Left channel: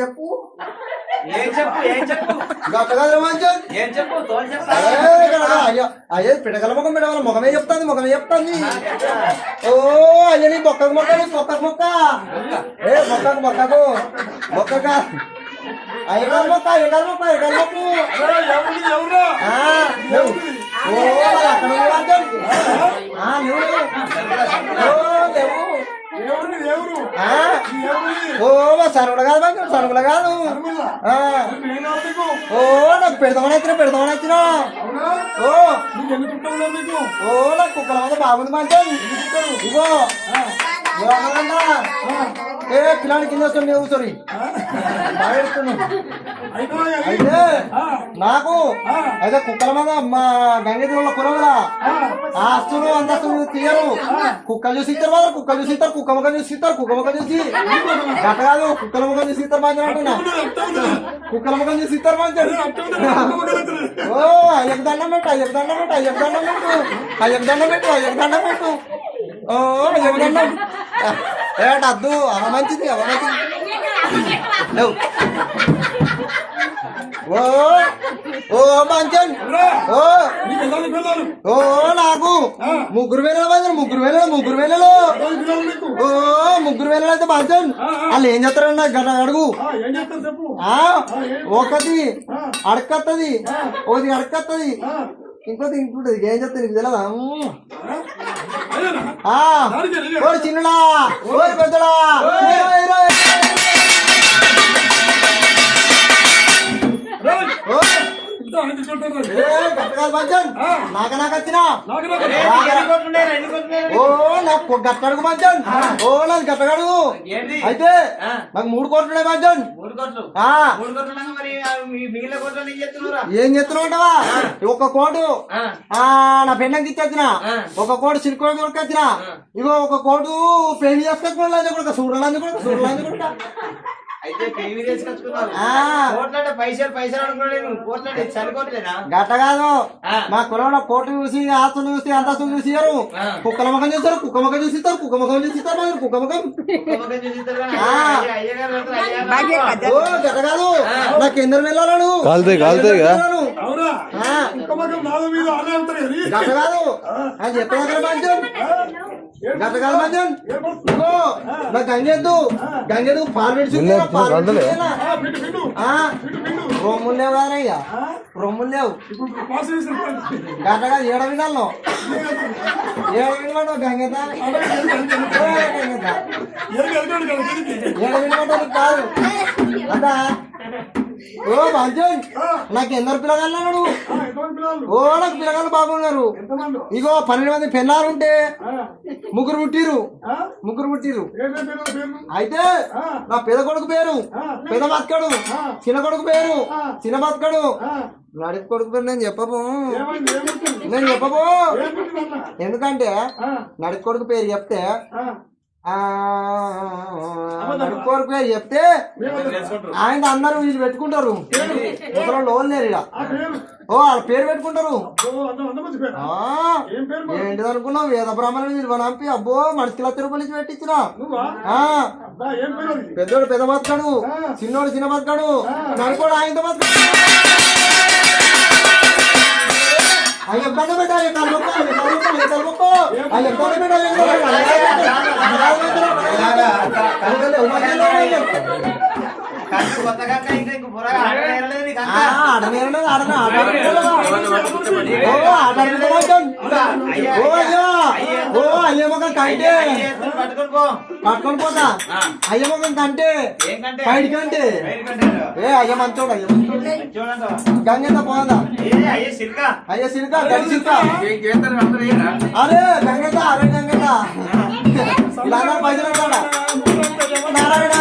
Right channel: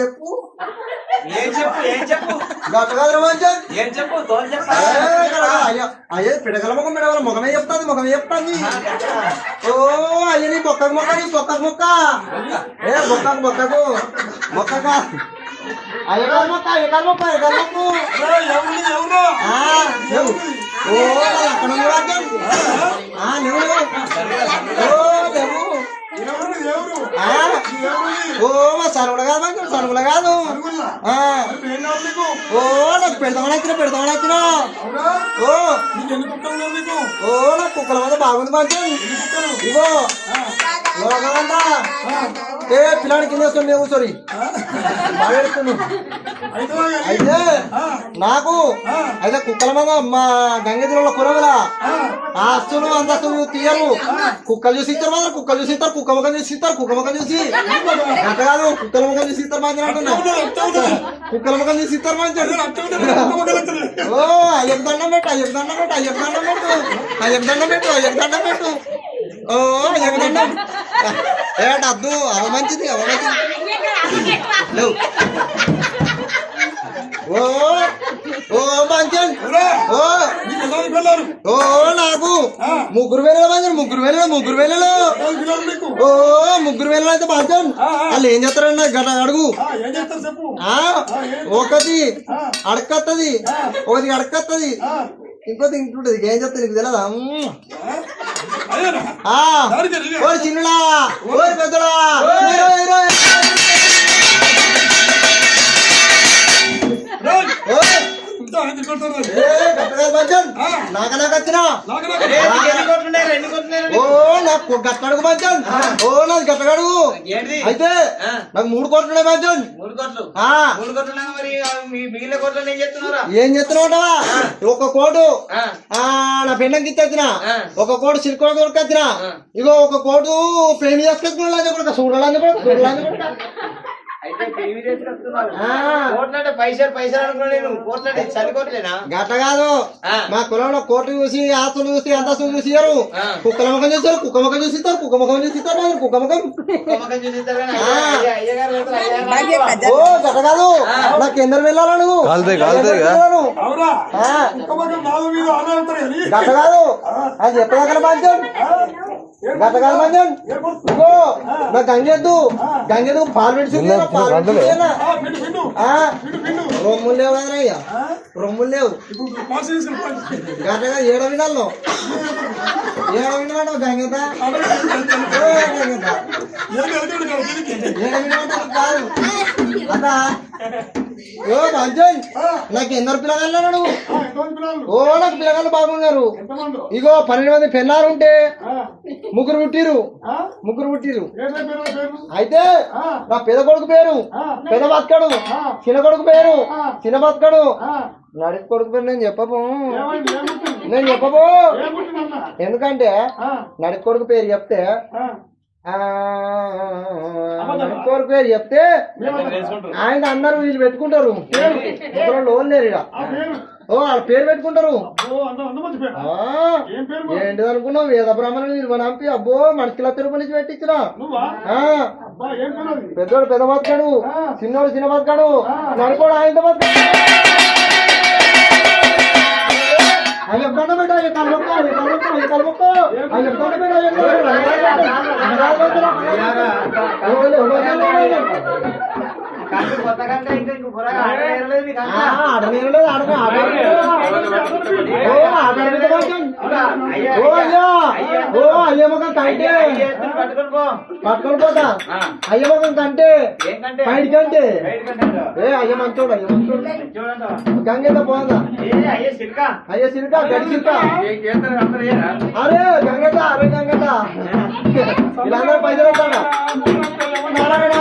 చెప్పు అయ్యే పిడకల ముఖం పెడవాలి ముఖమే చెప్తాంది ఓ అయ్య నీ బొక్కకు మొక్క మొక్క ఏ బొక్కకు అయ్యగారు మొక్క ఓ అక్కడ ఓ మా సరువులు కాదు ఓ నాకు పెడతామని వచ్చిన ఓ నాకు కుక్కల మీద బాగుంది మంచి ఇగో ఏ పిల్లాడి కింద వస్తుంది మేము సారీ బాగా ఎడుతున్నావు అయితే నాకు అయితే కుక్కల మీద మా గంగెదిలో కురవలా ఆస్తులు అంతస్తులు తీయరు కుక్కలు చూసి ఇస్తారు మాత్రం కుక్కలు చూసి ఇస్తారు కుక్క ముఖం చూసి ఇస్తారు కుక్క ముఖం చూసి గట్ట కాదు కుక్కల ముఖం చూసి ఇస్తారు మంచి అంటున్నా కుక్కల ముఖం చూసి ఇస్తారు మంచి ఓ అయ్యకు దండం పెట్టు ఓ అయ్యకు దండం అద్దు అవ మంచిది ఓ మంచి ఓ నాకు ముగ్గురు వేల ఓ ముగ్గురు వేలలో అయితే మంచి వాళ్ళు ఏం చేస్తారన్న గట్ట అడుగు ఒకటి అడకత్తది ఒకటి అడకత్తది ఇంకోటి ఇంటుంటది ఏం చెప్తా నీకు తెలియదా ఓరి చిన్నడా ఓరి పెద్దడా నాకచ్చినా ఓ నాకు గట్టడుగు మంచం ఓ నాది గట్టగడుగు అయితే నాకు 3 కోట్లు మంచం ఏం చెప్తున్నావుంటావా 1 కోటు నా పెండంకి ఇచ్చొచ్చిన 1 కోటు సిరికోడు కొడుకొచ్చిన ఇగో 1 కోటు పెళ్లి చేసుకొచ్చిన చూడాలని గట్ట కాదు మా కులంలో కోట్లు చూసి ఆస్తులు చూసి అంతస్తులు చూసియారు కుక్కల ముఖం చూస్తారు కుక్క ముఖం చూసిస్తారు కుక్క ముఖం ఓ గట్ట కాదు నాకు ఎందరు వెళ్ళాలను గట్ట కాదు అది చెప్పగల బాధ్యం గతకాల మంజన్ ఇగో మా గంగెద్దు పాలు పెట్టి రొమ్ములు లేవు రానయ్యా రొమ్ములు లేవు గంటగా ఏడ వినాలో గంగెత ఏడ వినడానికి కాదు అంతా ఓ మంచన్ నాకు ఎందరు పిల్లగాళ్ళు నువ్వు ఓ నాకు పిల్లగాళ్ళు బాగున్నారు ఇగో 12 మంది పెళ్ళాలు ఉంటే ముగ్గురు పుట్టిరు అయితే నా పెద్ద కొడుకు పేరు పెద్ద బతకడు చిన్న కొడుకు పేరు చిన్న బతకడు నడిపి కొడుకు పేరు నేను చెప్పబో ఎందుకంటే నడిపి కొడుకు పేరు చెప్తే కొడుకు పేరు చెప్తే ఆయన అందరూ వీళ్ళు పెట్టుకుంటారు లోన్ లేరు ఇక ఓ వాళ్ళ పేరు పెట్టుకుంటారు ఏంటిది అనుకున్నావు వేద బ్రాహ్మణులు మీరు నంపి అబ్బో మనసుకిలా తిరుపతి పెట్టించిన పెద్దోడు పెద్ద బతకాడు చిన్నోడు చిన్న బతకాడు నడుకోడు ఆయనతో బతకాడు అయ్యో బండ పెట్టాలి కలబొక్కో అయ్యో బండ పెట్టాలి పట్టుకొని పోతా అయ్య మొఖం కంటే బయట కంటే ఏ అయ్య మంచోడు గంగెత పోదా అయ్య సిల్క గడి సిల్క అరే గంగెత ఇలా పైసలు నారాయణ